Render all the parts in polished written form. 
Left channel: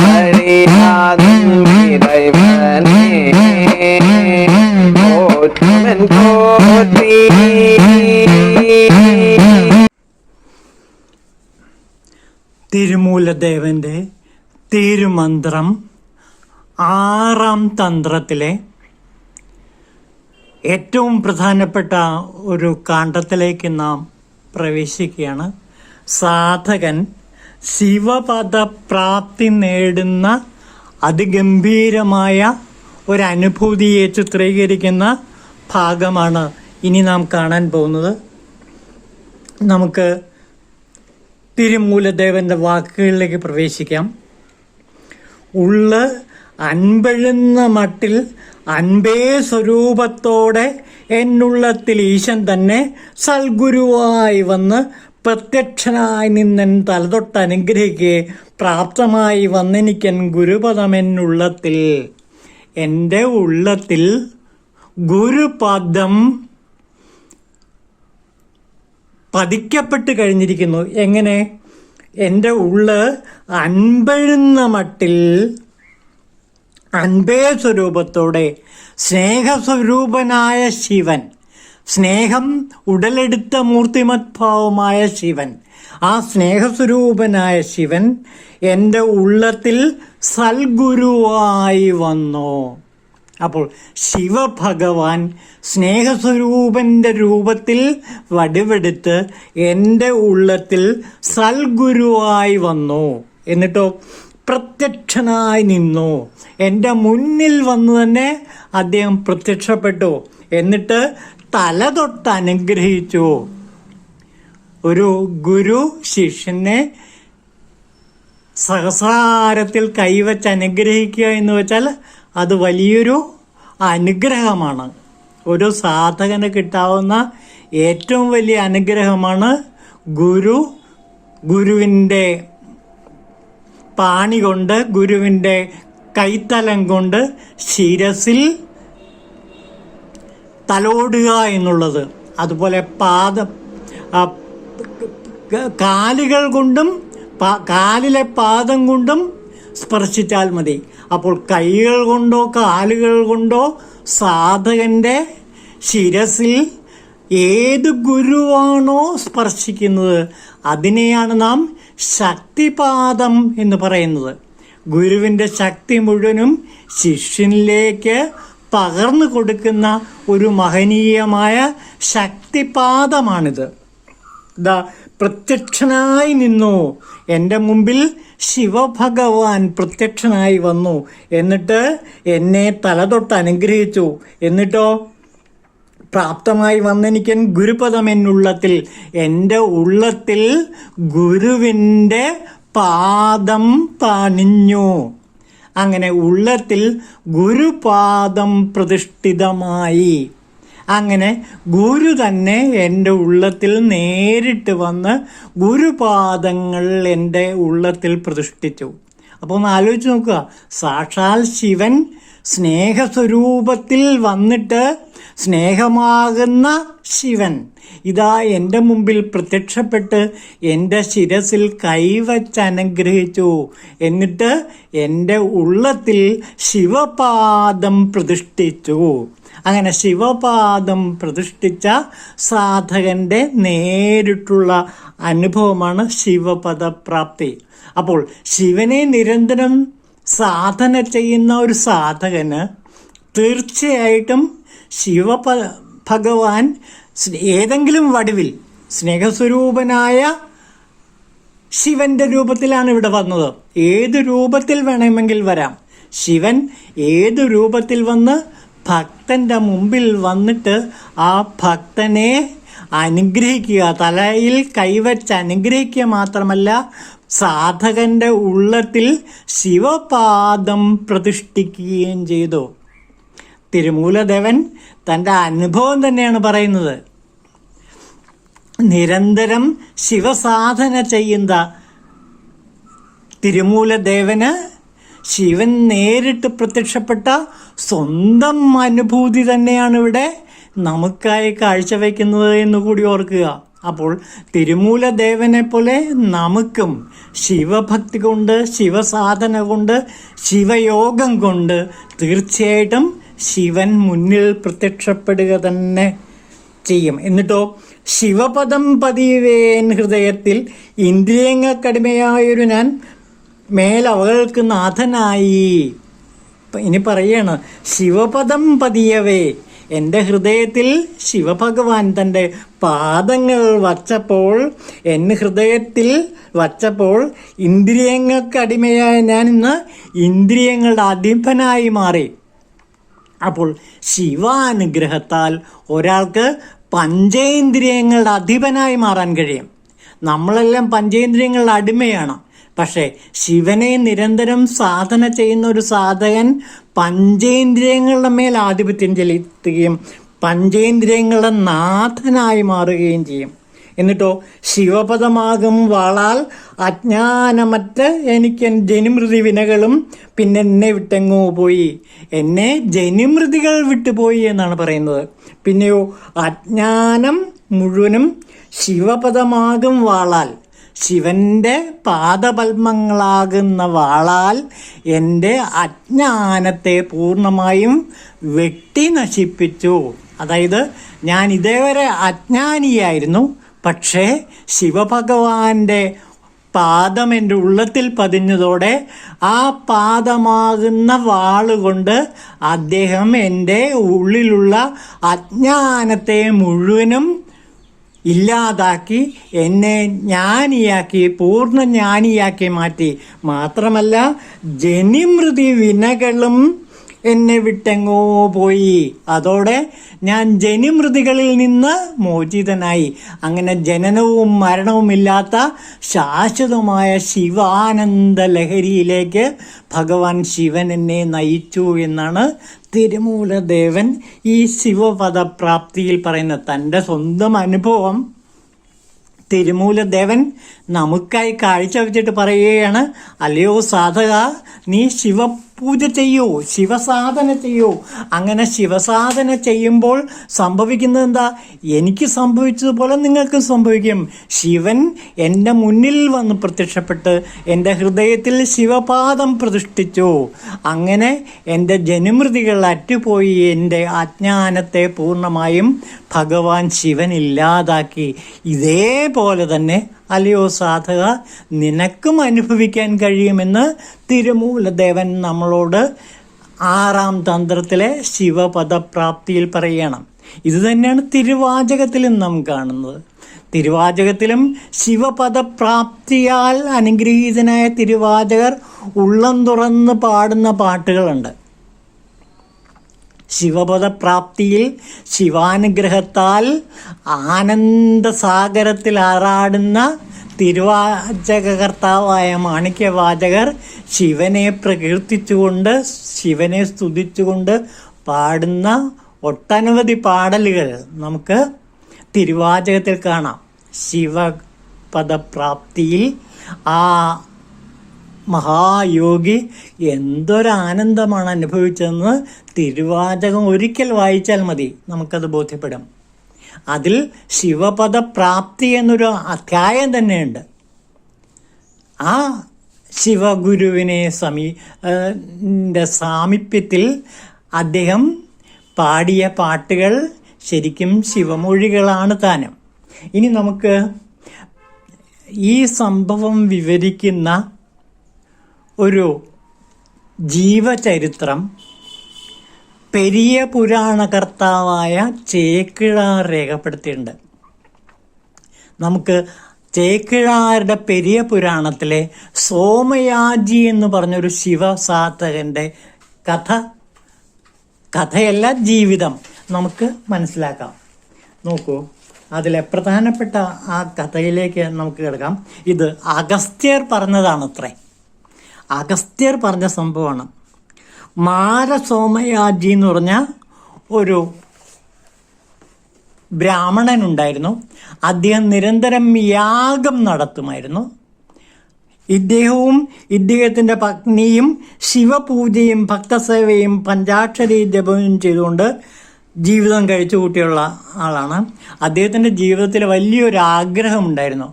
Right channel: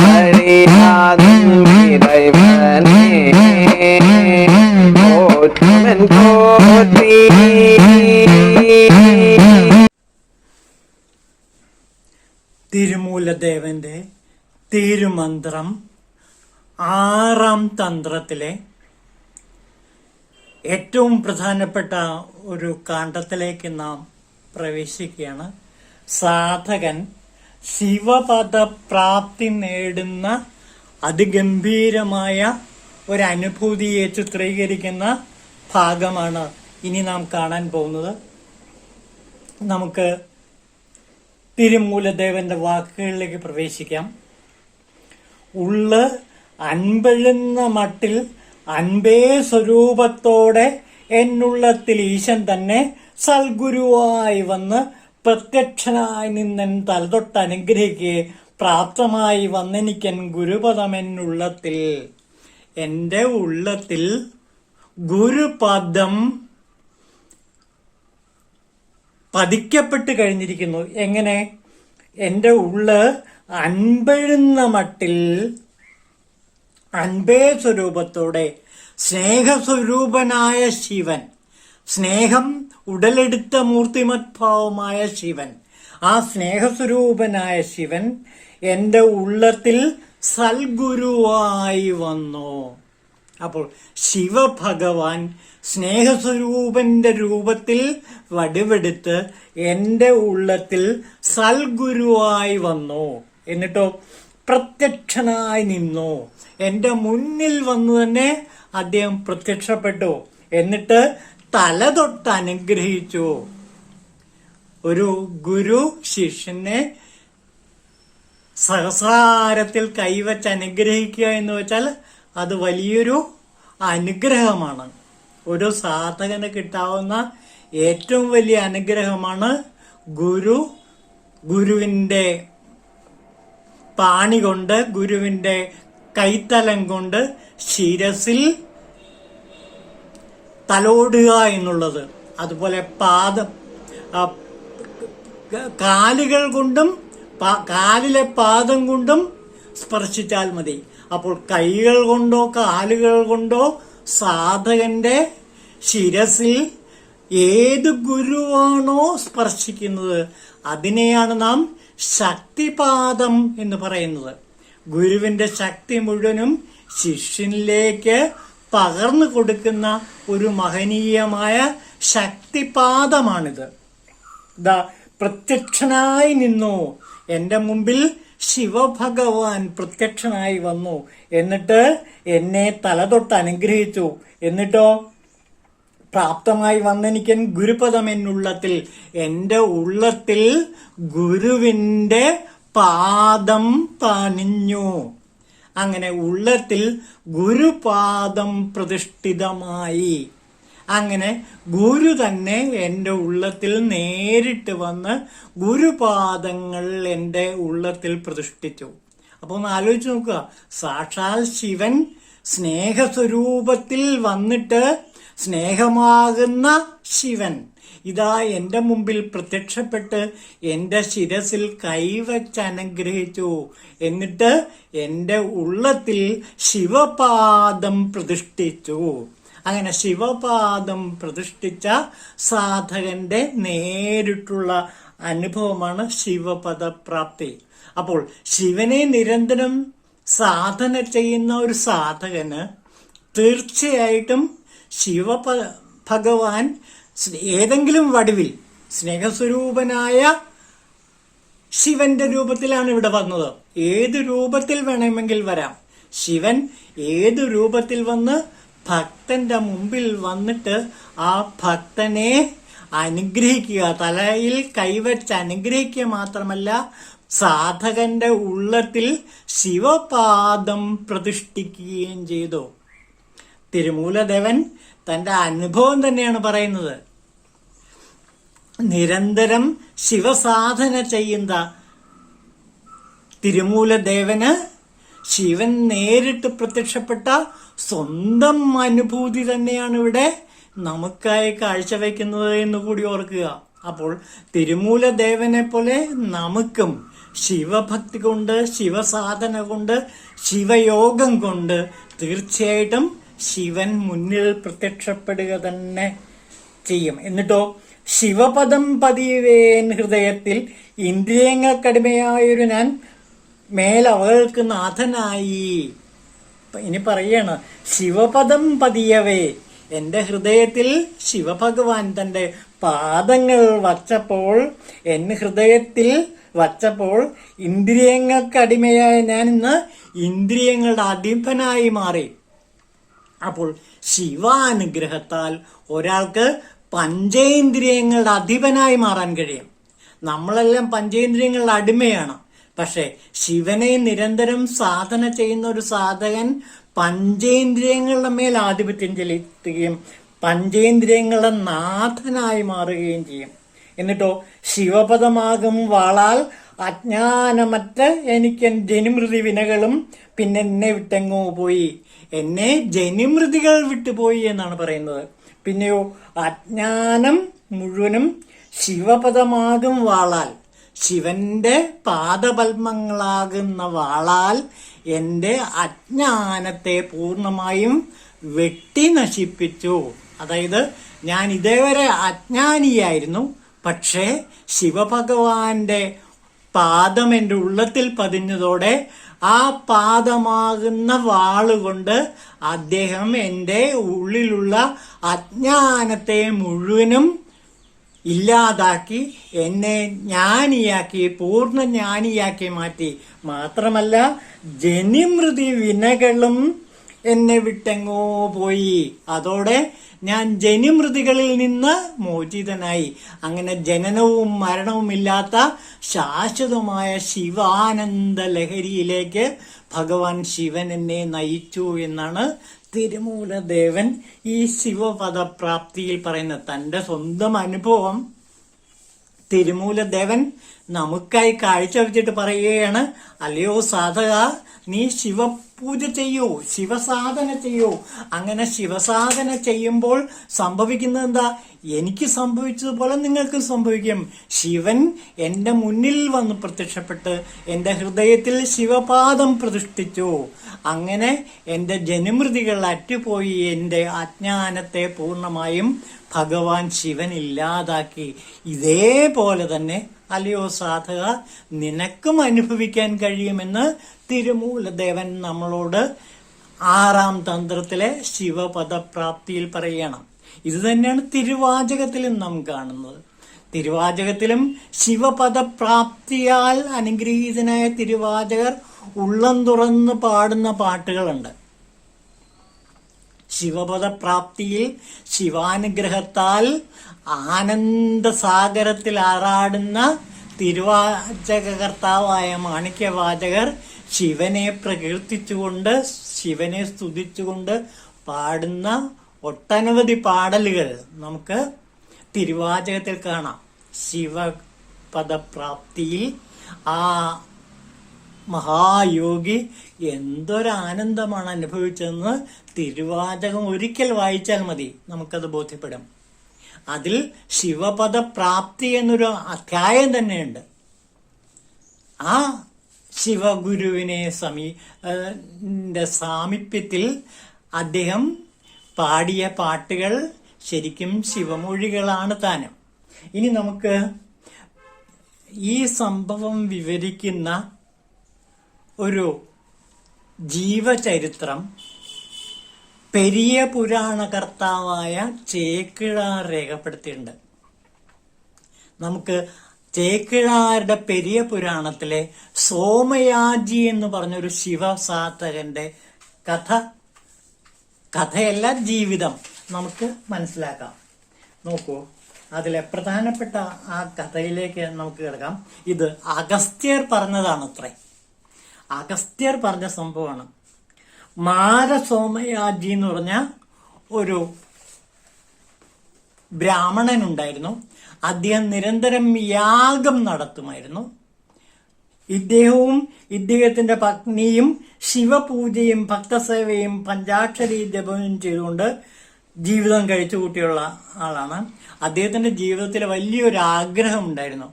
வழியாதும் இறைவனே போற்றுமென் போற்றி. തിരുമൂലദേവന്റെ തിരുമന്ത്രം 6ാം തന്ത്രത്തിലെ ഏറ്റവും പ്രധാനപ്പെട്ട ഒരു കാണ്ഡത്തിലേക്ക് നാം പ്രവേശിക്കുകയാണ്. സാധകൻ ശിവപദപ്രാപ്തി നേടുന്ന അതിഗംഭീരമായ ഒരു അനുഭൂതിയെ ചിത്രീകരിക്കുന്ന ഭാഗമാണ് ഇനി നാം കാണാൻ പോകുന്നത്. നമുക്ക് തിരുമൂലദേവന്റെ വാക്കുകളിലേക്ക് പ്രവേശിക്കാം. ഉള്ള അൻപഴുന്ന മട്ടിൽ അൻപേ സ്വരൂപത്തോടെ എന്നുള്ളത്തിൽ ഈശൻ തന്നെ സൽഗുരുവായി വന്ന് പ്രത്യക്ഷനായി നിന്നൻ തലതൊട്ട് അനുഗ്രഹിക്കെ പ്രാപ്തമായി വന്നെനിക്കൻ ഗുരുപദമെന്നുള്ളത്തിൽ. എൻ്റെ ഉള്ളത്തിൽ ഗുരുപദം പതിക്കപ്പെട്ട് കഴിഞ്ഞിരിക്കുന്നു. എങ്ങനെ? എൻ്റെ ഉള്ള് അൻപഴുന്ന മട്ടിൽ അൻപേ സ്വരൂപത്തോടെ സ്നേഹസ്വരൂപനായ ശിവൻ, സ്നേഹം ഉടലെടുത്ത മൂർത്തിമത്ഭാവമായ ശിവൻ, ആ സ്നേഹസ്വരൂപനായ ശിവൻ എൻ്റെ ഉള്ളത്തിൽ സൽഗുരുവായി വന്നു. അപ്പോൾ ശിവഭഗവാൻ സ്നേഹസ്വരൂപന്റെ രൂപത്തിൽ വടിവെടുത്ത് എൻ്റെ ഉള്ളത്തിൽ സൽഗുരുവായി വന്നു. എന്നിട്ടോ പ്രത്യക്ഷനായി നിന്നു. എൻ്റെ മുന്നിൽ വന്നു തന്നെ അദ്ദേഹം പ്രത്യക്ഷപ്പെട്ടു. എന്നിട്ട് തലതൊട്ട് അനുഗ്രഹിച്ചു. ഒരു ഗുരു ശിഷ്യനെ സഹസ്രാരത്തിൽ കൈവച്ച് അനുഗ്രഹിക്കുക എന്ന് വെച്ചാൽ അത് വലിയൊരു അനുഗ്രഹമാണ്. ഒരു സാധകന് കിട്ടാവുന്ന ഏറ്റവും വലിയ അനുഗ്രഹമാണ് ഗുരുവിൻ്റെ പാണി കൊണ്ട്, ഗുരുവിൻ്റെ കൈത്തലം കൊണ്ട് ശിരസിൽ തലോടുക എന്നുള്ളത്. അതുപോലെ കാലുകൾ കൊണ്ടും കാലിലെ പാദം കൊണ്ടും സ്പർശിച്ചാൽ മതി. അപ്പോൾ കൈകൾ കൊണ്ടോ കാലുകൾ കൊണ്ടോ സാധകന്റെ ശിരസിൽ ഏത് ഗുരുവാണോ സ്പർശിക്കുന്നത് അതിനെയാണ് നാം ശക്തിപാദം എന്ന് പറയുന്നത്. ഗുരുവിന്റെ ശക്തി മുഴുവനും ശിഷ്യനിലേക്ക് പകർന്നു കൊടുക്കുന്ന ഒരു മഹനീയമായ ശക്തിപാദമാണിത്. പ്രത്യക്ഷനായി നിന്നു. എൻ്റെ മുമ്പിൽ ശിവഭഗവാൻ പ്രത്യക്ഷനായി വന്നു. എന്നിട്ട് എന്നെ തലതൊട്ട് അനുഗ്രഹിച്ചു. എന്നിട്ടോ പ്രാപ്തമായി വന്നെനിക്കൻ ഗുരുപദം എന്നുള്ളത്തിൽ. എൻ്റെ ഉള്ളത്തിൽ ഗുരുവിൻ്റെ പാദം പണിഞ്ഞു. അങ്ങനെ ഉള്ളത്തിൽ ഗുരുപാദം പ്രതിഷ്ഠിതമായി. അങ്ങനെ ഗുരു തന്നെ എൻ്റെ ഉള്ളത്തിൽ നേരിട്ട് വന്ന് ഗുരുപാദങ്ങൾ എൻ്റെ ഉള്ളത്തിൽ പ്രതിഷ്ഠിച്ചു. അപ്പോൾ ഒന്ന് ആലോചിച്ച് നോക്കുക. സാക്ഷാൽ ശിവൻ സ്നേഹസ്വരൂപത്തിൽ വന്നിട്ട്, സ്നേഹമാകുന്ന ശിവൻ ഇതാ എൻ്റെ മുമ്പിൽ പ്രത്യക്ഷപ്പെട്ട് എൻ്റെ ശിരസിൽ കൈവച്ച് അനുഗ്രഹിച്ചു. എന്നിട്ട് എൻ്റെ ഉള്ളത്തിൽ ശിവപാദം പ്രതിഷ്ഠിച്ചു. അങ്ങനെ ശിവപാദം പ്രതിഷ്ഠിച്ച സാധകന്റെ നേരിട്ടുള്ള അനുഭവമാണ് ശിവപദപ്രാപ്തി. അപ്പോൾ ശിവനെ നിരന്തരം സാധന ചെയ്യുന്ന ഒരു സാധകന് തീർച്ചയായിട്ടും ഭഗവാൻ ഏതെങ്കിലും വടിവിൽ സ്നേഹസ്വരൂപനായ ശിവന്റെ രൂപത്തിലാണ് ഇവിടെ വന്നത്. ഏത് രൂപത്തിൽ വേണമെങ്കിൽ വരാം. ശിവൻ ഏത് രൂപത്തിൽ വന്ന് ഭക്തന്റെ മുമ്പിൽ വന്നിട്ട് ആ ഭക്തനെ അനുഗ്രഹിക്കുക, തലയിൽ കൈവച്ച് അനുഗ്രഹിക്കുക മാത്രമല്ല, സാധകന്റെ ഉള്ളത്തിൽ ശിവപാദം പ്രതിഷ്ഠിക്കുകയും ചെയ്തു. തിരുമൂലദേവൻ തന്റെ അനുഭവം തന്നെയാണ് പറയുന്നത്. നിരന്തരം ശിവസാധന ചെയ്യുന്ന തിരുമൂലദേവന് ശിവൻ നേരിട്ട് പ്രത്യക്ഷപ്പെട്ട സ്വന്തം അനുഭൂതി തന്നെയാണ് ഇവിടെ നമുക്കായി കാഴ്ചവെക്കുന്നത് എന്ന് കൂടി ഓർക്കുക. അപ്പോൾ തിരുമൂലദേവനെ പോലെ നമുക്കും ശിവഭക്തി കൊണ്ട്, ശിവസാധന കൊണ്ട്, ശിവയോഗം കൊണ്ട് തീർച്ചയായിട്ടും ശിവൻ മുന്നിൽ പ്രത്യക്ഷപ്പെടുക തന്നെ ചെയ്യും. എന്നിട്ടോ ശിവപദം പതിവേൻ ഹൃദയത്തിൽ ഇന്ദ്രിയങ്ങൾക്കടിമയായൊരു ഞാൻ മേലവകൾക്ക് നാഥനായി. ഇനി പറയാണ്, ശിവപദം പതിയവേ, എന്റെ ഹൃദയത്തിൽ ശിവഭഗവാൻ തന്റെ പാദങ്ങൾ വച്ചപ്പോൾ, എന്റെ ഹൃദയത്തിൽ വച്ചപ്പോൾ ഇന്ദ്രിയങ്ങൾക്കടിമയായ ഞാൻ ഇന്ന് ഇന്ദ്രിയങ്ങളുടെ അധിപനായി മാറി. അപ്പോൾ ശിവാനുഗ്രഹത്താൽ ഒരാൾക്ക് പഞ്ചേന്ദ്രിയങ്ങളുടെ അധിപനായി മാറാൻ കഴിയും. നമ്മളെല്ലാം പഞ്ചേന്ദ്രിയങ്ങളുടെ അടിമയാണ്. പക്ഷെ ശിവനെ നിരന്തരം സാധന ചെയ്യുന്ന ഒരു സാധകൻ പഞ്ചേന്ദ്രിയങ്ങളുടെ മേൽ ആധിപത്യം ചെലുത്തുകയും പഞ്ചേന്ദ്രിയങ്ങളുടെ നാഥനായി മാറുകയും ചെയ്യും. എന്നിട്ടോ ശിവപദമാകും വാളാൽ അജ്ഞാനമറ്റ എനിക്ക് ജനിമൃതി വിനകളും പിന്നെ എന്നെ വിട്ടെങ്ങോ പോയി. എന്നെ ജനിമൃതികൾ വിട്ടുപോയി എന്നാണ് പറയുന്നത്. പിന്നെയോ അജ്ഞാനം മുഴുവനും ശിവപദമാകും വാളാൽ, ശിവന്റെ പാദപത്മങ്ങളാകുന്ന വാളാൽ എൻ്റെ അജ്ഞാനത്തെ പൂർണ്ണമായും വെട്ടി നശിപ്പിച്ചു. അതായത് ഞാൻ ഇതേവരെ അജ്ഞാനിയായിരുന്നു, പക്ഷേ ശിവഭഗവാന്റെ പാദം എൻ്റെ ഉള്ളത്തിൽ പതിഞ്ഞതോടെ ആ പാദമാകുന്ന വാളുകൊണ്ട് അദ്ദേഹം എൻ്റെ ഉള്ളിലുള്ള അജ്ഞാനത്തെ മുഴുവനും ഇല്ലാതാക്കി എന്നെ ജ്ഞാനിയാക്കി, പൂർണ്ണ ജ്ഞാനിയാക്കി മാറ്റി. മാത്രമല്ല ജനിമൃതി വിനകളും എന്നെ വിട്ടെങ്ങോ പോയി. അതോടെ ഞാൻ ജനിമൃതികളിൽ നിന്ന് മോചിതനായി. അങ്ങനെ ജനനവും മരണവും ഇല്ലാത്ത ശാശ്വതമായ ശിവാനന്ദ ലഹരിയിലേക്ക് ഭഗവാൻ ശിവൻ എന്നെ നയിച്ചു എന്നാണ് തിരുമൂലദേവൻ ഈ ശിവപദപ്രാപ്തിയിൽ പറയുന്നത്. തന്റെ സ്വന്തം അനുഭവം തിരുമൂലദേവൻ നമുക്കായി കാഴ്ചവെച്ചിട്ട് പറയുകയാണ്, അല്ലയോ സാധക, നീ ശിവപൂജ ചെയ്യൂ, ശിവസാധന ചെയ്യൂ. അങ്ങനെ ശിവസാധന ചെയ്യുമ്പോൾ സംഭവിക്കുന്നത് എന്താ? എനിക്ക് സംഭവിച്ചതുപോലെ നിങ്ങൾക്ക് സംഭവിക്കും. ശിവൻ എൻ്റെ മുന്നിൽ വന്ന് പ്രത്യക്ഷപ്പെട്ട് എൻ്റെ ഹൃദയത്തിൽ ശിവപാദം പ്രതിഷ്ഠിച്ചു. അങ്ങനെ എൻ്റെ ജനിമൃതികൾ അറ്റുപോയി. എൻ്റെ അജ്ഞാനത്തെ പൂർണ്ണമായും ഭഗവാൻ ശിവൻ ഇല്ലാതാക്കി. ഇതേപോലെ തന്നെ അല്ലയോ സാധക, നിനക്കും അനുഭവിക്കാൻ കഴിയുമെന്ന് തിരുമൂലദേവൻ നമ്മളോട് 6-ാം തന്ത്രത്തിലെ ശിവപദപ്രാപ്തിയിൽ പറയണം. ഇത് തന്നെയാണ് തിരുവാചകത്തിലും നാം കാണുന്നത്. തിരുവാചകത്തിലും ശിവപദപ്രാപ്തിയാൽ അനുഗ്രഹീതനായ തിരുവാചകർ ഉള്ളം തുറന്ന് പാടുന്ന പാട്ടുകളുണ്ട്. ശിവപദപ്രാപ്തിയിൽ ശിവാനുഗ്രഹത്താൽ ആനന്ദസാഗരത്തിൽ ആറാടുന്ന തിരുവാചകകർത്താവായ മാണിക്യവാചകർ ശിവനെ പ്രകീർത്തിച്ചുകൊണ്ട്, ശിവനെ സ്തുതിച്ചുകൊണ്ട് പാടുന്ന ഒട്ടനവധി പാടലുകൾ നമുക്ക് തിരുവാചകത്തിൽ കാണാം. ശിവപദപ്രാപ്തിയിൽ ആ മഹായോഗി എന്തൊരാനന്ദമാണ് അനുഭവിച്ചതെന്ന് തിരുവാചകം ഒരിക്കൽ വായിച്ചാൽ മതി, നമുക്കത് ബോധ്യപ്പെടും. അതിൽ ശിവപദപ്രാപ്തി എന്നൊരു അധ്യായം തന്നെയുണ്ട്. ആ ശിവഗുരുവിനെ സാമീപ്യത്തിൽ അദ്ദേഹം പാടിയ പാട്ടുകൾ ശരിക്കും ശിവമൊഴികളാണ് താനും. ഇനി നമുക്ക് ഈ സംഭവം വിവരിക്കുന്ന ഒരു ജീവചരിത്രം പെരിയ പുരാണകർത്താവായ ചേക്കിഴാർ രേഖപ്പെടുത്തിയിട്ടുണ്ട്. നമുക്ക് ചേക്കിഴാരുടെ പെരിയ പുരാണത്തിലെ സോമയാജി എന്ന് പറഞ്ഞൊരു ശിവസാധകന്റെ കഥയല്ല, ജീവിതം നമുക്ക് മനസ്സിലാക്കാം. നോക്കൂ, അതിലെ പ്രധാനപ്പെട്ട ആ കഥയിലേക്ക് നമുക്ക് കിടക്കാം. ഇത് അഗസ്ത്യർ പറഞ്ഞതാണ്. അഗസ്ത്യർ പറഞ്ഞ സംഭവമാണ്. മാരസോമയാജി എന്ന് പറഞ്ഞ ഒരു ബ്രാഹ്മണൻ ഉണ്ടായിരുന്നു. അദ്ദേഹം നിരന്തരം യാഗം നടത്തുമായിരുന്നു. ഇദ്ദേഹവും ഇദ്ദേഹത്തിന്റെ പത്നിയും ശിവപൂജയും ഭക്തസേവയും പഞ്ചാക്ഷരി ജപവും ചെയ്തുകൊണ്ട് ജീവിതം കഴിച്ചു കൂട്ടിയുള്ള ആളാണ്. അദ്ദേഹത്തിന്റെ ജീവിതത്തിൽ വലിയൊരു ആഗ്രഹമുണ്ടായിരുന്നു,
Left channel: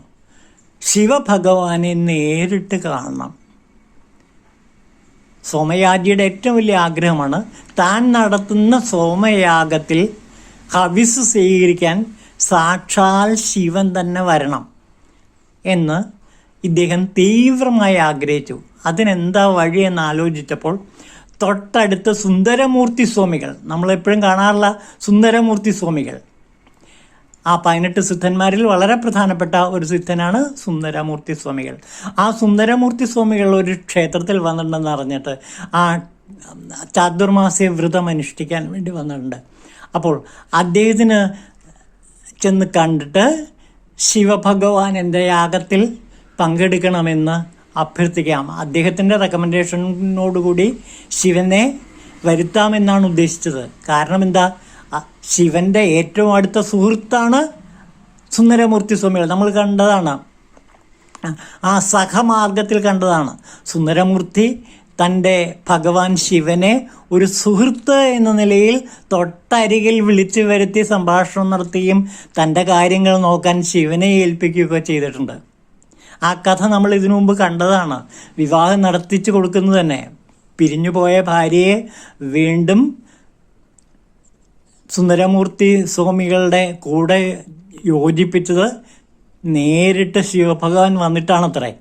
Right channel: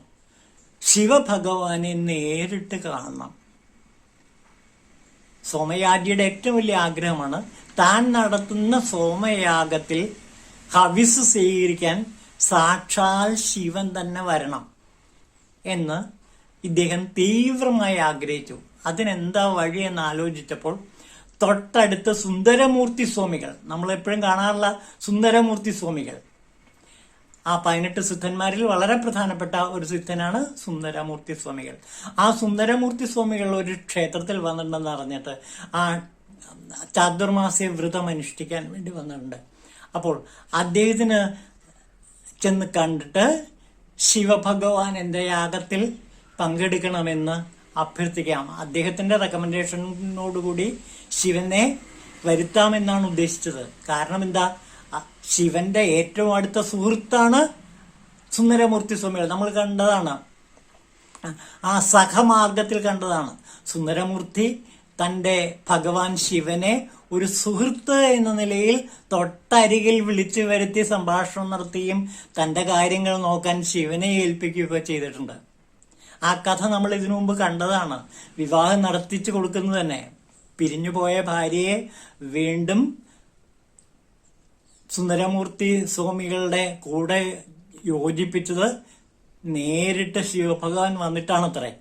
ശിവഭഗവാനെ നേരിട്ട് കാണണം. സോമയാജിയുടെ ഏറ്റവും വലിയ ആഗ്രഹമാണ് താൻ നടത്തുന്ന സോമയാഗത്തിൽ ഹവിസ് സ്വീകരിക്കാൻ സാക്ഷാൽ ശിവൻ തന്നെ വരണം എന്ന് ഇദ്ദേഹം തീവ്രമായി ആഗ്രഹിച്ചു. അതിനെന്താ വഴിയെന്ന് ആലോചിച്ചപ്പോൾ തൊട്ടടുത്ത് സുന്ദരമൂർത്തി സ്വാമികൾ, നമ്മളെപ്പോഴും കാണാറുള്ള സുന്ദരമൂർത്തി സ്വാമികൾ, ആ 18 സിദ്ധന്മാരിൽ വളരെ പ്രധാനപ്പെട്ട ഒരു സിദ്ധനാണ് സുന്ദരമൂർത്തി സ്വാമികൾ. ആ സുന്ദരമൂർത്തി സ്വാമികൾ ഒരു ക്ഷേത്രത്തിൽ വന്നിട്ടുണ്ടെന്ന് അറിഞ്ഞിട്ട് ആ ചാതുർമാസ്യ വ്രതം അനുഷ്ഠിക്കാൻ വേണ്ടി വന്നിട്ടുണ്ട്. അപ്പോൾ അദ്ദേഹത്തിന് ചെന്ന് കണ്ടിട്ട് ശിവഭഗവാൻ എൻ്റെ യാഗത്തിൽ പങ്കെടുക്കണമെന്ന് അഭ്യർത്ഥിക്കാം. അദ്ദേഹത്തിന്റെ റെക്കമെൻഡേഷനോടുകൂടി ശിവനെ വരുത്താമെന്നാണ് ഉദ്ദേശിച്ചത്. കാരണം എന്താ, ശിവന്റെ ഏറ്റവും അടുത്ത സുഹൃത്താണ് സുന്ദരമൂർത്തി സ്വാമികൾ. നമ്മൾ കണ്ടതാണ്, ആ സഹമാർഗത്തിൽ കണ്ടതാണ്. സുന്ദരമൂർത്തി തൻ്റെ ഭഗവാൻ ശിവനെ ഒരു സുഹൃത്ത് എന്ന നിലയിൽ തൊട്ടരികിൽ വിളിച്ചു വരുത്തി സംഭാഷണം നടത്തുകയും തൻ്റെ കാര്യങ്ങൾ നോക്കാൻ ശിവനെ ഏൽപ്പിക്കുകയൊക്കെ ചെയ്തിട്ടുണ്ട്. ആ കഥ നമ്മൾ ഇതിനു മുമ്പ് കണ്ടതാണ്. വിവാഹം നടത്തിച്ചു കൊടുക്കുന്നത് തന്നെ പിരിഞ്ഞുപോയ ഭാര്യയെ വീണ്ടും സുന്ദരമൂർത്തി സ്വാമികളുടെ കൂടെ യോജിപ്പിച്ചത് നേരിട്ട് ശിവഭഗവാൻ വന്നിട്ടാണത്രേ.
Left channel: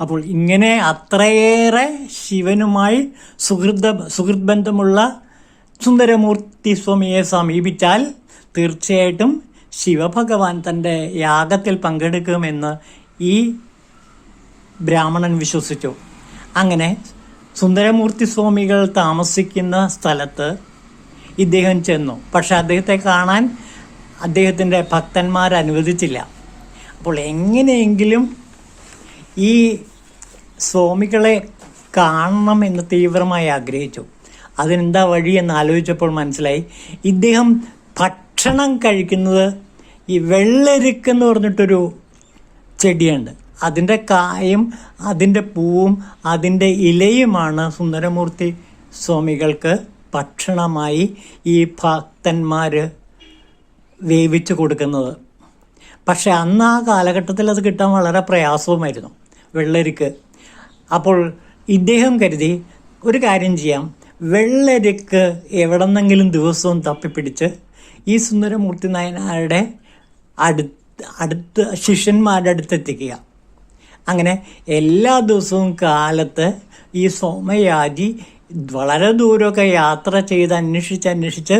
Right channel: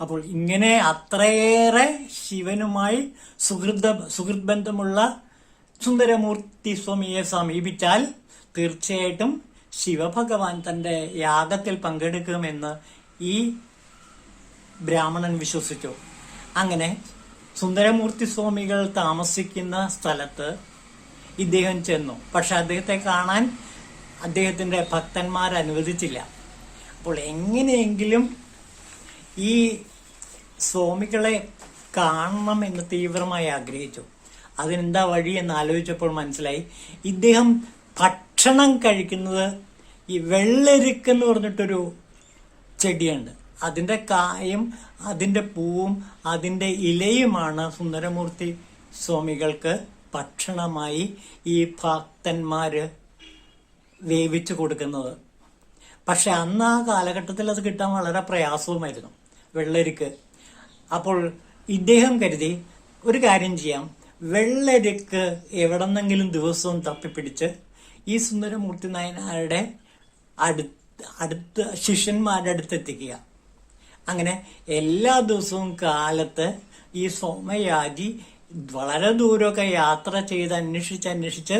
അപ്പോൾ ഇങ്ങനെ അത്രയേറെ ശിവനുമായി സുഹൃത് ബന്ധമുള്ള സുന്ദരമൂർത്തി സ്വാമിയെ സമീപിച്ചാൽ തീർച്ചയായിട്ടും ശിവഭഗവാൻ തൻ്റെ യാഗത്തിൽ പങ്കെടുക്കുമെന്ന് ഈ ബ്രാഹ്മണൻ വിശ്വസിച്ചു. അങ്ങനെ സുന്ദരമൂർത്തി സ്വാമികൾ താമസിക്കുന്ന സ്ഥലത്ത് ഇദ്ദേഹം ചെന്നു. പക്ഷെ അദ്ദേഹത്തെ കാണാൻ അദ്ദേഹത്തിൻ്റെ ഭക്തന്മാർ അനുവദിച്ചില്ല. അപ്പോൾ എങ്ങനെയെങ്കിലും ഈ സ്വാമികളെ കാണണം എന്ന് തീവ്രമായി ആഗ്രഹിച്ചു. അതിനെന്താ വഴി എന്ന് ആലോചിച്ചപ്പോൾ മനസ്സിലായി, ഇദ്ദേഹം ഭക്ഷണം കഴിക്കുന്നത് ഈ വെള്ളരിക്കെന്ന് പറഞ്ഞിട്ടൊരു ചെടിയുണ്ട്. അതിൻ്റെ കായും അതിൻ്റെ പൂവും അതിൻ്റെ ഇലയുമാണ് സുന്ദരമൂർത്തി സ്വാമികൾക്ക് ഭക്ഷണമായി ഈ ഭക്തന്മാർ വേവിച്ചു കൊടുക്കുന്നത്. പക്ഷെ അന്ന് ആ കാലഘട്ടത്തിൽ അത് കിട്ടാൻ വളരെ പ്രയാസവുമായിരുന്നു, വെള്ളരിക്ക്. അപ്പോൾ ഇദ്ദേഹം കരുതി ഒരു കാര്യം ചെയ്യാം, വെള്ളരിക്ക് എവിടെന്നെങ്കിലും ദിവസവും തപ്പിപ്പിടിച്ച് ഈ സുന്ദരമൂർത്തി നായനാരുടെ അടുത്ത് ശിഷ്യന്മാരുടെ അടുത്തെത്തിക്കുക. അങ്ങനെ എല്ലാ ദിവസവും കാലത്ത് ഈ സോമയാജി വളരെ ദൂരമൊക്കെ യാത്ര ചെയ്ത് അന്വേഷിച്ച്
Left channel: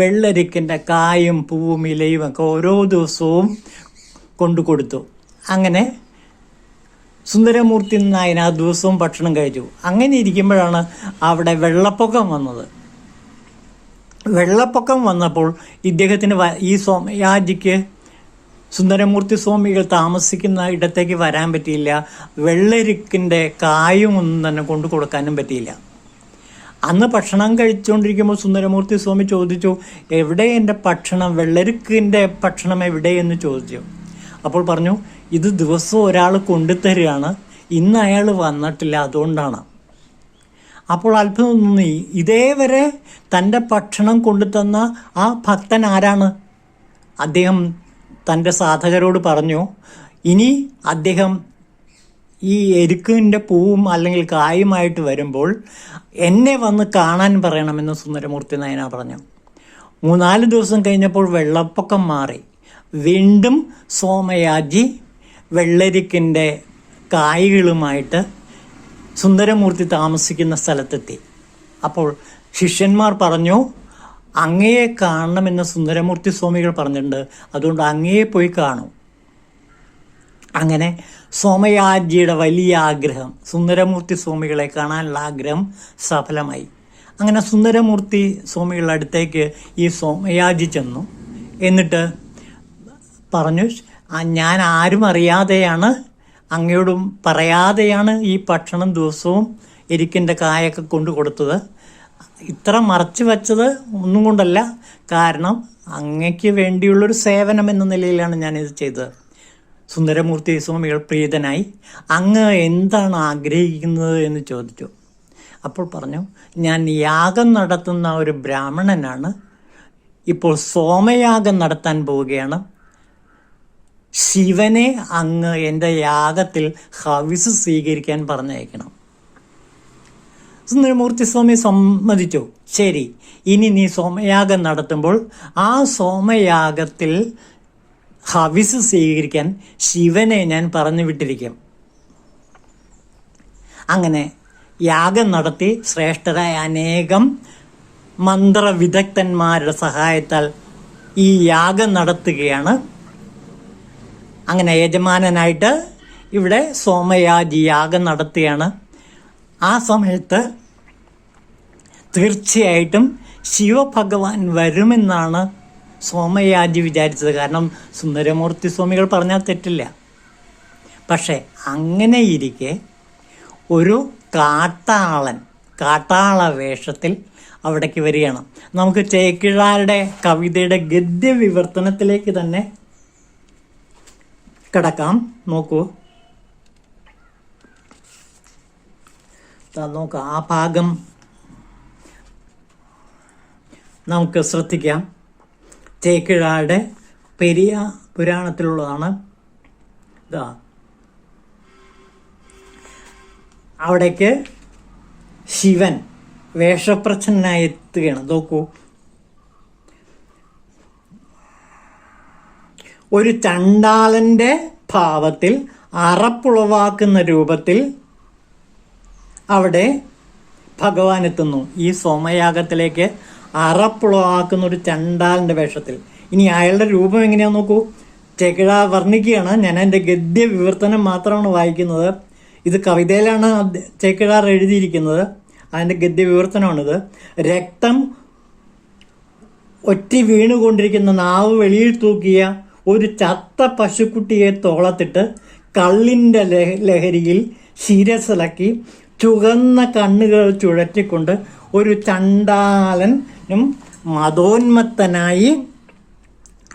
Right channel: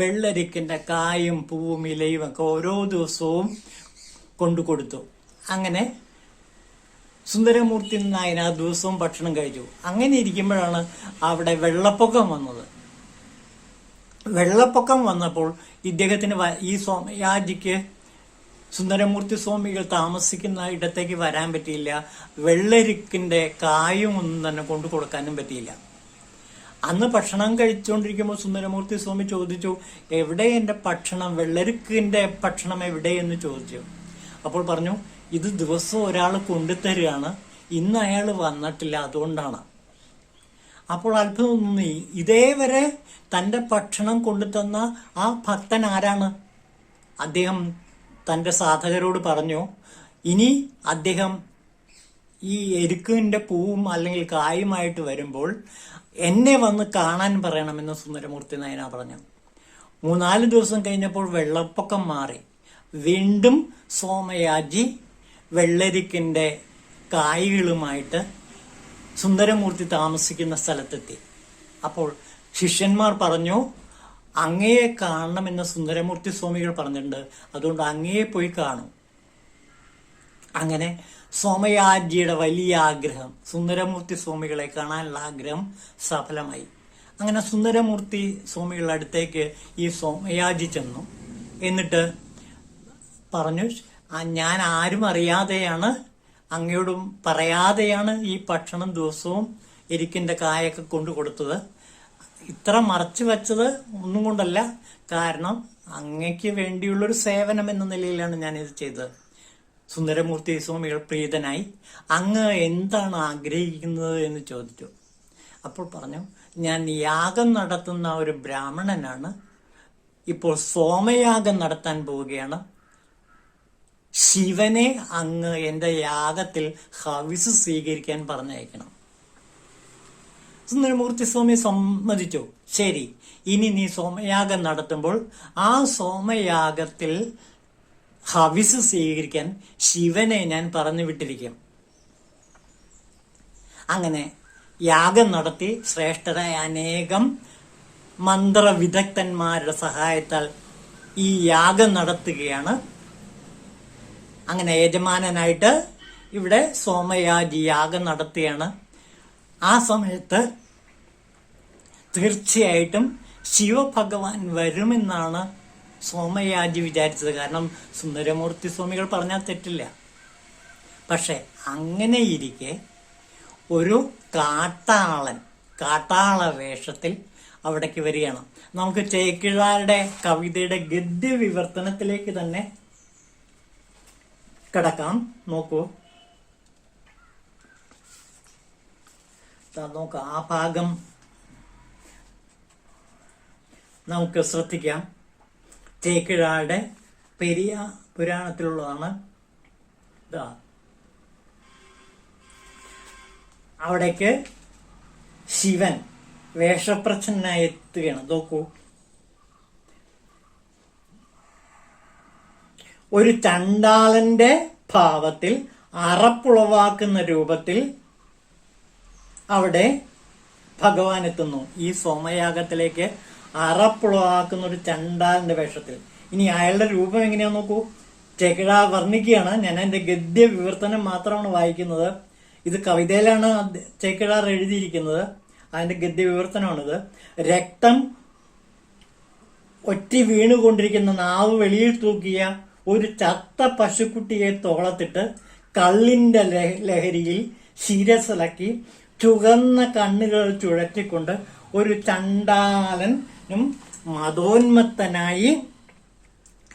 വെള്ളരിക്കിൻ്റെ കായും പൂവും ഇലയും ഒക്കെ ഓരോ ദിവസവും കൊണ്ടു കൊടുത്തു. അങ്ങനെ സുന്ദരമൂർത്തി നായൻ ആ ദിവസവും ഭക്ഷണം കഴിച്ചു. അങ്ങനെ ഇരിക്കുമ്പോഴാണ് അവിടെ വെള്ളപ്പൊക്കം വന്നത്. വെള്ളപ്പൊക്കം വന്നപ്പോൾ ഇദ്ദേഹത്തിന് ഈ സോമയാജിക്ക് സുന്ദരമൂർത്തി സ്വാമികൾ താമസിക്കുന്ന ഇടത്തേക്ക് വരാൻ പറ്റിയില്ല. വെള്ളരിക്കിൻ്റെ കായും ഒന്നും തന്നെ കൊണ്ടു കൊടുക്കാനും പറ്റിയില്ല. അന്ന് ഭക്ഷണം കഴിച്ചുകൊണ്ടിരിക്കുമ്പോൾ സുന്ദരമൂർത്തി സ്വാമി ചോദിച്ചു, എവിടെ എൻ്റെ ഭക്ഷണം, വെള്ളരിക്കിൻ്റെ ഭക്ഷണം എവിടെയെന്ന് ചോദിച്ചു. അപ്പോൾ പറഞ്ഞു, ഇത് ദിവസവും ഒരാൾ കൊണ്ടുതരികയാണ്, ഇന്ന് അയാൾ വന്നിട്ടില്ല, അതുകൊണ്ടാണ്. അപ്പോൾ അത്ഭുതം തോന്നി, ഇതേവരെ തൻ്റെ ഭക്ഷണം കൊണ്ടുതന്ന ആ ഭക്തൻ ആരാണ്? അദ്ദേഹം തൻ്റെ സാധകരോട് പറഞ്ഞു, ഇനി അദ്ദേഹം ഈ എരുക്കിൻ്റെ പൂവും അല്ലെങ്കിൽ കായുമായിട്ട് വരുമ്പോൾ എന്നെ വന്ന് കാണാൻ പറയണമെന്ന് സുന്ദരമൂർത്തി നായന പറഞ്ഞു. 3-4 ദിവസം കഴിഞ്ഞപ്പോൾ വെള്ളപ്പൊക്കം മാറി. വീണ്ടും സോമയാജി വെള്ളരിക്കിൻ്റെ കായ്കളുമായിട്ട് സുന്ദരമൂർത്തി താമസിക്കുന്ന സ്ഥലത്തെത്തി. അപ്പോൾ ശിഷ്യന്മാർ പറഞ്ഞു, അങ്ങയെ കാണണമെന്ന് സുന്ദരമൂർത്തി സ്വാമികൾ പറഞ്ഞിട്ടുണ്ട്, അതുകൊണ്ട് അങ്ങയെ പോയി കാണൂ. അങ്ങനെ സോമയാജിയുടെ വലിയ ആഗ്രഹം, സുന്ദരമൂർത്തി സ്വാമികളെ കാണാനുള്ള ആഗ്രഹം സഫലമായി. അങ്ങനെ സുന്ദരമൂർത്തി സ്വാമികളുടെ അടുത്തേക്ക് ഈ സോമയാജി ചെന്നു. എന്നിട്ട് പറഞ്ഞു, ഞാൻ ആരും അറിയാതെയാണ്, അങ്ങയോടും പറയാതെയാണ് ഈ ഭക്ഷണം ദിവസവും എരിക്കിൻ്റെ കായൊക്കെ കൊണ്ടു കൊടുത്തത്. ഇത്ര മറച്ചു വച്ചത് ഒന്നും കൊണ്ടല്ല, കാരണം അങ്ങയ്ക്ക് വേണ്ടിയുള്ളൊരു സേവനം എന്ന നിലയിലാണ് ഞാനിത് ചെയ്തത്. സുന്ദരമൂർത്തി സ്വാമികൾ പ്രീതനായി, അങ്ങ് എന്താണ് ആഗ്രഹിക്കുന്നത് എന്ന് ചോദിച്ചു. അപ്പോൾ പറഞ്ഞു, ഞാൻ യാഗം നടത്തുന്ന ഒരു ബ്രാഹ്മണനാണ്, ഇപ്പോൾ സോമയാഗം നടത്താൻ പോവുകയാണ്. ശിവനെ അങ്ങ് എൻ്റെ യാഗത്തിൽ ഹവിസ് സ്വീകരിക്കാൻ പറഞ്ഞയക്കണം. സുന്ദരമൂർത്തി സ്വാമി സമ്മതിച്ചു. ശരി, ഇനി നീ സോമയാഗം നടത്തുമ്പോൾ ആ സോമയാഗത്തിൽ ഹവിസ് സ്വീകരിക്കാൻ ശിവനെ ഞാൻ പറഞ്ഞു വിട്ടിരിക്കും. അങ്ങനെ യാഗം നടത്തി ശ്രേഷ്ഠരായ അനേകം മന്ത്രവിദഗ്ധന്മാരുടെ സഹായത്താൽ ഈ യാഗം നടത്തുകയാണ്. അങ്ങനെ യജമാനനായിട്ട് ഇവിടെ സോമയാജി യാഗം നടത്തുകയാണ്. ആ സമയത്ത് തീർച്ചയായിട്ടും ശിവഭഗവാൻ വരുമെന്നാണ് സോമയാജി വിചാരിച്ചത്. കാരണം സുന്ദരമൂർത്തി സ്വാമികൾ പറഞ്ഞാൽ തെറ്റില്ല. പക്ഷെ അങ്ങനെ ഇരിക്കെ ഒരു കാട്ടാള വേഷത്തിൽ അവിടേക്ക് വരികയാണ്. നമുക്ക് ചേക്കിഴാരുടെ കവിതയുടെ ഗദ്യ വിവർത്തനത്തിലേക്ക് തന്നെ കിടക്കാം. നോക്കൂ, നോക്കാം, ആ ഭാഗം നമുക്ക് ശ്രദ്ധിക്കാം. ചേക്കിഴാരുടെ പെരിയ പുരാണത്തിലുള്ളതാണ്. ഇതാ അവിടേക്ക് ശിവൻ വേഷപ്രച്ഛന്നായി എത്തുകയാണ്. നോക്കൂ, ഒരു ചണ്ടാളന്റെ ഭാവത്തിൽ അറപ്പുളവാക്കുന്ന രൂപത്തിൽ അവിടെ ഭഗവാൻ എത്തുന്നു. ഈ സോമയാഗത്തിലേക്ക് അറപ്പുളവാക്കുന്ന ഒരു ചണ്ടാളന്റെ വേഷത്തിൽ. ഇനി അയാളുടെ രൂപം എങ്ങനെയാന്ന് നോക്കൂ. ചേക്കിഴ വർണ്ണിക്കുകയാണ്. ഞാൻ എൻ്റെ ഗദ്യ വിവർത്തനം മാത്രമാണ് വായിക്കുന്നത്. ഇത് കവിതയിലാണ് ചേക്കിഴാർ എഴുതിയിരിക്കുന്നത്. അതിന്റെ ഗദ്യ വിവർത്തനമാണിത്. രക്തം ഒറ്റി വീണുകൊണ്ടിരിക്കുന്ന നാവ് വെളിയിൽ തൂക്കിയ ഒരു ചത്ത പശുക്കുട്ടിയെ തോളത്തിട്ട് കള്ളിന്റെ ലഹരിയിൽ ശിരസിളക്കി ചുവന്ന കണ്ണുകൾ ചുഴറ്റിക്കൊണ്ട് ഒരു ചണ്ടാലനും മതോന്മത്തനായി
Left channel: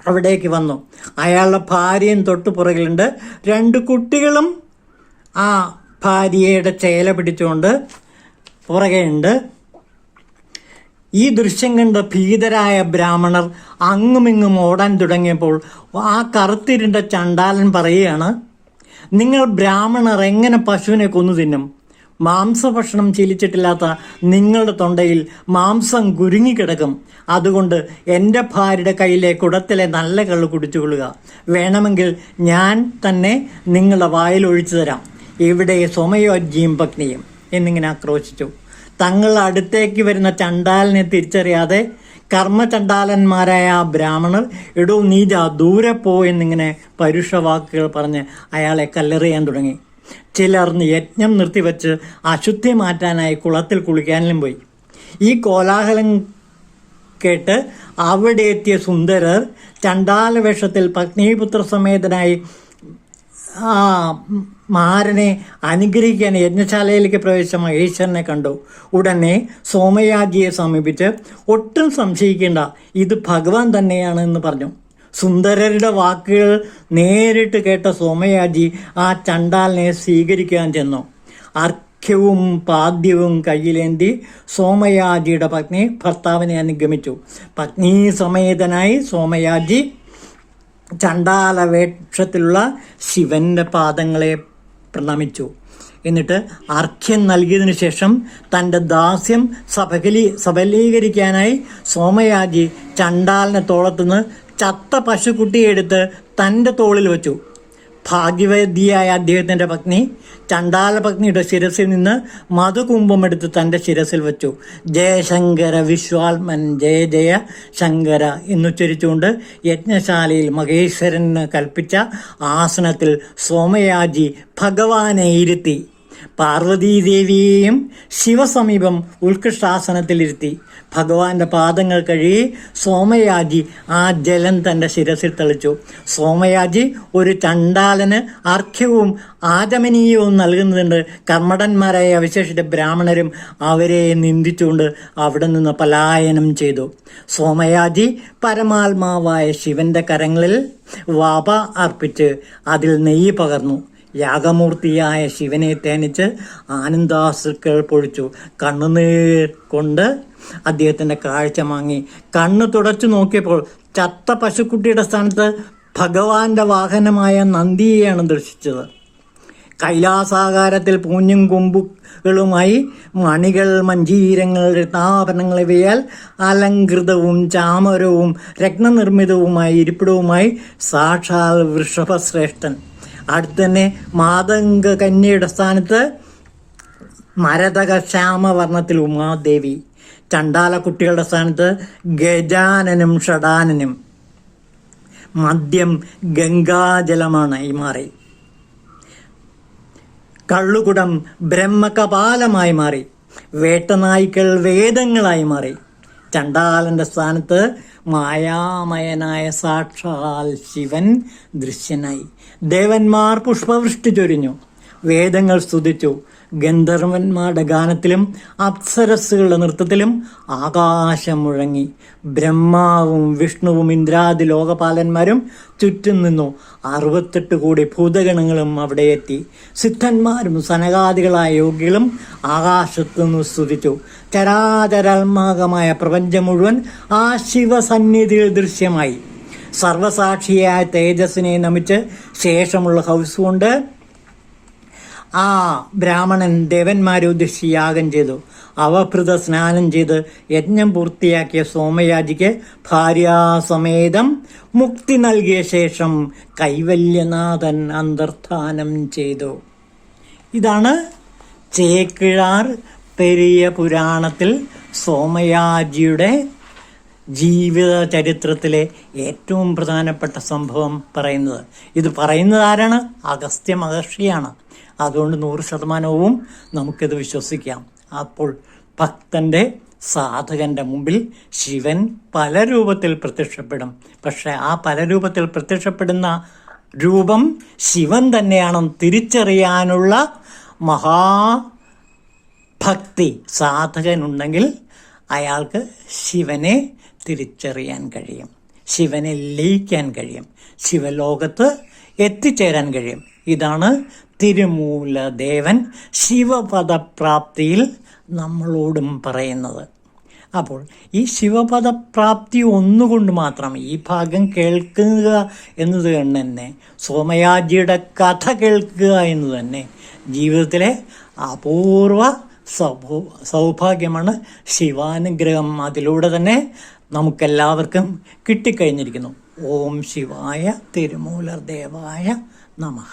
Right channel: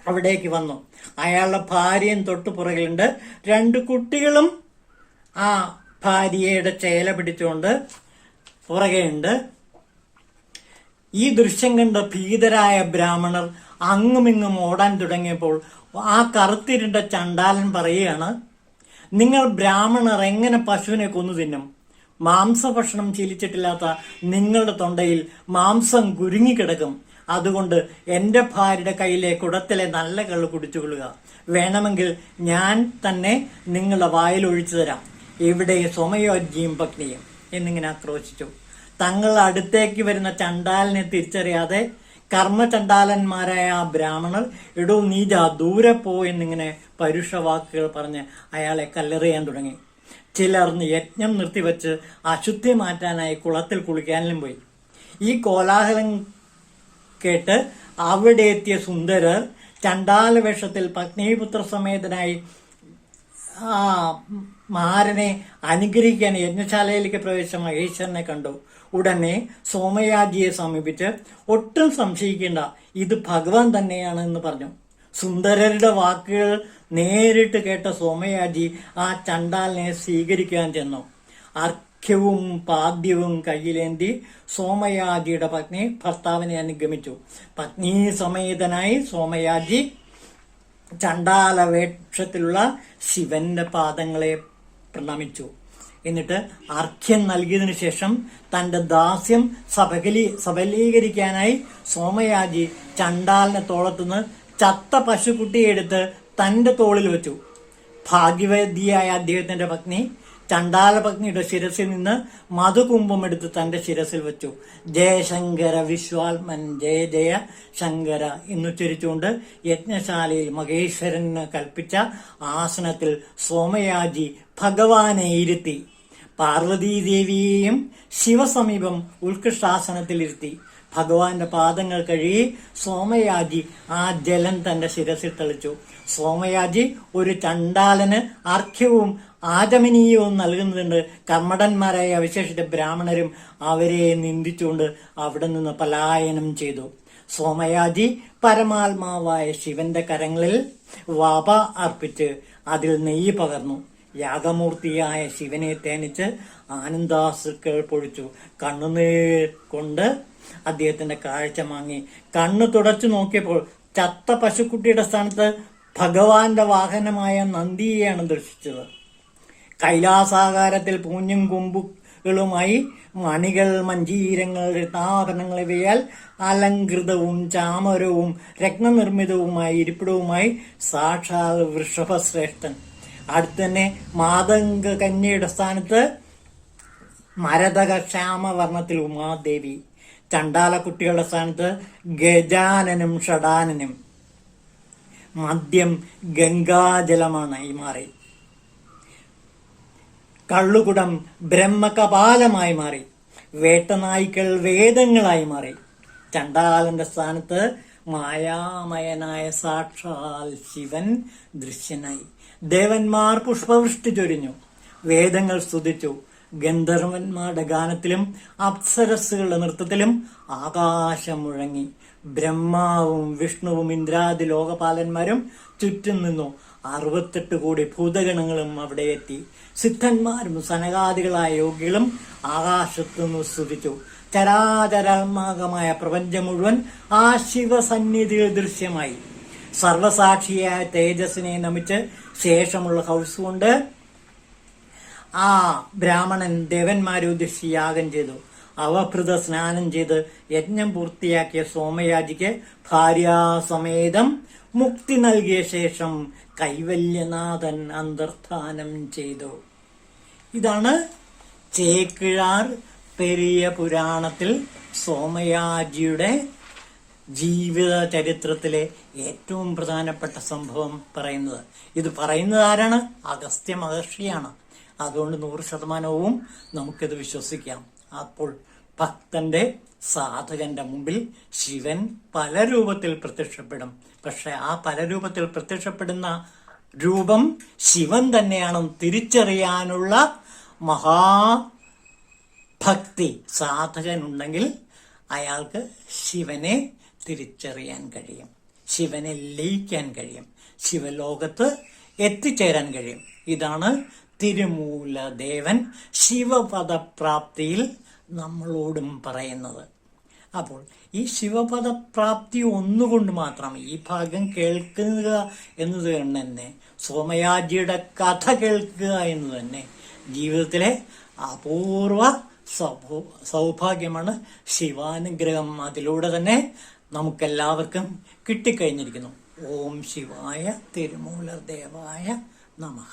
അവിടേക്ക് വന്നു. അയാളുടെ ഭാര്യയും തൊട്ടു പുറകിലുണ്ട്. 2 കുട്ടികളും ആ ഭാര്യയുടെ ചേല പിടിച്ചുകൊണ്ട് പുറകെയുണ്ട്. ഈ ദൃശ്യം കണ്ട് ഭീതരായ ബ്രാഹ്മണർ അങ്ങുമിങ്ങും ഓടാൻ തുടങ്ങിയപ്പോൾ ആ കറുത്തിരുണ്ട ചണ്ടാലൻ പറയുകയാണ്, നിങ്ങൾ ബ്രാഹ്മണർ എങ്ങനെ പശുവിനെ കൊന്നു തിന്നും? മാംസഭക്ഷണം ശീലിച്ചിട്ടില്ലാത്ത നിങ്ങളുടെ തൊണ്ടയിൽ മാംസം കുരുങ്ങിക്കിടക്കും. അതുകൊണ്ട് എൻ്റെ ഭാര്യയുടെ കയ്യിലെ കുടത്തിലെ നല്ല കള്ള് കുടിച്ചുകൊള്ളുക. വേണമെങ്കിൽ ഞാൻ തന്നെ നിങ്ങളുടെ വായിൽ ഒഴിച്ചു തരാം. ഇവിടെ സോമയാജിയും പത്നിയും എന്നിങ്ങനെ ആക്രോശിച്ചു. തങ്ങൾ അടുത്തേക്ക് വരുന്ന ചണ്ടാലനെ തിരിച്ചറിയാതെ കർമ്മചണ്ടാലന്മാരായ ആ ബ്രാഹ്മണർ എടോ നീജ ദൂരെ പോ എന്നിങ്ങനെ പരുഷവാക്കുകൾ പറഞ്ഞ് അയാളെ കല്ലെറിയാൻ തുടങ്ങി. ചിലർ യജ്ഞം നിർത്തിവെച്ച് അശുദ്ധി മാറ്റാനായി കുളത്തിൽ കുളിക്കാനും പോയി. ഈ കോലാഹലം കേട്ട് അവിടെ എത്തിയ സുന്ദരർ ചണ്ടാല വേഷത്തിൽ പത്നീപുത്ര സമേതനായി മാരനെ അനുഗ്രഹിക്കാൻ യജ്ഞശാലയിലേക്ക് പ്രവേശിച്ച മഹേശ്വരനെ കണ്ടു. ഉടനെ സോമയാജിയെ സമീപിച്ച് ഒട്ടും സംശയിക്കേണ്ട, ഇത് ഭഗവാൻ തന്നെയാണ് എന്ന് പറഞ്ഞു. സുന്ദരരുടെ വാക്കുകൾ നേരിട്ട് കേട്ട സോമയാജി ആ ചണ്ടാലിനെ സ്വീകരിക്കാൻ ചെന്നു. അർഘ്യവും പാദ്യവും കയ്യിലേന്തി സോമയാജിയുടെ പത്നി ഭർത്താവിനെ അനുഗമിച്ചു. പത്നീ സമേതനായി സോമയാജി ചണ്ടാല വേഷത്തിലുള്ള ശിവന്റെ പാദങ്ങളെ പ്രണമിച്ചു. എന്നിട്ട് അർഘ്യം നൽകിയതിനു ശേഷം തന്റെ ദാസ്യം സബലീകരിക്കാനായി സോമയാജി ചണ്ടാലിനെ തോളത്തുനിന്ന് ചത്ത പശുക്കുട്ടിയെ എടുത്ത് തന്റെ തോളിൽ വെച്ചു. ഭാഗ്യവതിയായ അദ്ദേഹത്തിന്റെ പത്നി ചണ്ടാല പത്നിയുടെ ശിരസിൽ നിന്ന് മധുകുംഭമെടുത്ത് തന്റെ ശിരസിൽ വെച്ചു. ജയശങ്കര വിശ്വാത്മൻ ജയ ജയ ശങ്കര എന്നുച്ചരിച്ചുകൊണ്ട് യജ്ഞശാലയിൽ മഹേശ്വരന് കൽപ്പിച്ച ആസനത്തിൽ സോമയാജി ഭഗവാനെ ഇരുത്തി. പാർവതീദേവിയെയും ശിവസമീപം ഉത്കൃഷ്ടാസനത്തിലിരുത്തി. ഭഗവാന്റെ പാദങ്ങൾ കഴുകി സോമയാജി ആ ജലം തന്റെ ശിരസിൽ തളിച്ചു. സോമയാജി ഒരു ചണ്ടാലന് അർഘ്യവും ആചമനീയവും നൽകുന്നതുണ്ട്. കർമ്മടന്മാരായ അവശേഷിച്ച ബ്രാഹ്മണരും അവരെ നിന്ദിച്ചുകൊണ്ട് അവിടെ നിന്ന് പലായനം ചെയ്തു. സോമയാജി പരമാത്മാവായ ശിവന്റെ കരങ്ങളിൽ വാപ അർപ്പിച്ച് അതിൽ നെയ്യ് പകർന്നു. യാഗമൂർത്തിയായ ശിവനെ തേനിച്ച് ആനന്ദാശ്രുക്കൾ പൊഴിച്ചു. കണ്ണുനീർ കൊണ്ട് അദ്ദേഹത്തിന്റെ കാഴ്ച വാങ്ങി. കണ്ണ് തുടച്ചു നോക്കിയപ്പോൾ ചത്ത പശുക്കുട്ടിയുടെ സ്ഥാനത്ത് ഭഗവാന്റെ വാഹനമായ നന്ദിയെയാണ് ദർശിച്ചത്. കൈലാസാകാരത്തിൽ പൂഞ്ഞും കൊമ്പുകളുമായി മണികൾ, മഞ്ജീരങ്ങൾ, രത്നാഭരണങ്ങൾ ഇവയാൽ അലങ്കൃതവും ചാമരവും രത്നനിർമ്മിതവുമായ ഇരിപ്പിടവുമായി സാക്ഷാൽ വൃഷഭശ്രേഷ്ഠൻ. അടുത്ത് തന്നെ മാതംഗ കന്യയുടെ സ്ഥാനത്ത് മരതക ശ്യാമവർണ്ണത്തിൽ ഉമാദേവി. ചണ്ടാല കുട്ടികളുടെ സ്ഥാനത്ത് ഗജാനനും ഷടാനനും. മദ്യം ഗംഗാജലമാണ് ഈ മാറി. കള്ളുകുടം ബ്രഹ്മകപാലമായി മാറി. വേട്ടനായ്ക്കൾ വേദങ്ങളായി മാറി. ചണ്ടാലന്റെ സ്ഥാനത്ത് മായാമയനായ സാക്ഷാൽ ശിവൻ ദൃശ്യനായി. ദേവന്മാർ പുഷ്പവൃഷ്ടി ചൊരിഞ്ഞു. വേദങ്ങൾ സ്തുതിച്ചു. ഗന്ധർവന്മാരുടെ ഗാനത്തിലും അപ്സരസ്സുകളുടെ നൃത്തത്തിലും ആകാശം മുഴങ്ങി. ബ്രഹ്മാവും വിഷ്ണുവും ഇന്ദ്രാദി ലോകപാലന്മാരും ചുറ്റും നിന്നു. 68 കോടി ഭൂതഗണങ്ങളും അവിടെ എത്തി. സിദ്ധന്മാരും സനകാദികളായ യോഗികളും ആകാശത്തു നിന്ന് സ്തുതിച്ചു. ചരാചരാത്മകമായ പ്രപഞ്ചം മുഴുവൻ ആ ശിവസന്നിധിയിൽ ദൃശ്യമായി. സർവസാക്ഷിയായ തേജസ്സിനെ നമിച്ച് ശേഷമുള്ള ഹൗസ് കൊണ്ട് ആ ബ്രാഹ്മണൻ ദേവന്മാരെ ഉദ്ദേശിച്ച് യാഗം ചെയ്തു. അവഭൃത സ്നാനം ചെയ്ത് യജ്ഞം പൂർത്തിയാക്കിയ സോമയാജിക്ക് ഭാര്യാസമേതം മുക്തി നൽകിയ ശേഷം കൈവല്യനാഥൻ അന്തർധാനം ചെയ്തു. ഇതാണ് ചേക്കിഴാർ പെരിയ പുരാണത്തിൽ സോമയാജിയുടെ ജീവിത ചരിത്രത്തിലെ ഏറ്റവും പ്രധാനപ്പെട്ട സംഭവം പറയുന്നത്. ഇത് പറയുന്നത് ആരാണ്? അഗസ്ത്യ മഹർഷിയാണ്. അതുകൊണ്ട് 100% നമുക്കിത് വിശ്വസിക്കാം. അപ്പോൾ ഭക്തന്റെ, സാധകന്റെ മുമ്പിൽ ശിവൻ പല രൂപത്തിൽ പ്രത്യക്ഷപ്പെടും. പക്ഷെ ആ പല രൂപത്തിൽ പ്രത്യക്ഷപ്പെടുന്ന രൂപം ശിവൻ തന്നെയാണെന്ന് തിരിച്ചറിയാനുള്ള മഹാഭക്തി സാധകനുണ്ടെങ്കിൽ അയാൾക്ക് ശിവനെ തിരിച്ചറിയാൻ കഴിയും, ശിവനെ ലയിക്കാൻ കഴിയും, ശിവലോകത്ത് എത്തിച്ചേരാൻ കഴിയും. ഇതാണ് തിരുമൂലദേവൻ ശിവപദപ്രാപ്തിയിൽ നമ്മളോടും പറയുന്നത്. അപ്പോൾ ഈ ശിവപദപ്രാപ്തി ഒന്നുകൊണ്ട് മാത്രം ഈ ഭാഗം കേൾക്കുക എന്നത് തന്നെ, സോമയാജിയുടെ കഥ കേൾക്കുക എന്ന് തന്നെ ജീവിതത്തിലെ അപൂർവ സൗഭാഗ്യമാണ്. ശിവാനുഗ്രഹം അതിലൂടെ തന്നെ നമുക്കെല്ലാവർക്കും കിട്ടിക്കഴിഞ്ഞിരിക്കുന്നു. ഓം ശിവായ തിരുമൂലദേവായ നമഃ.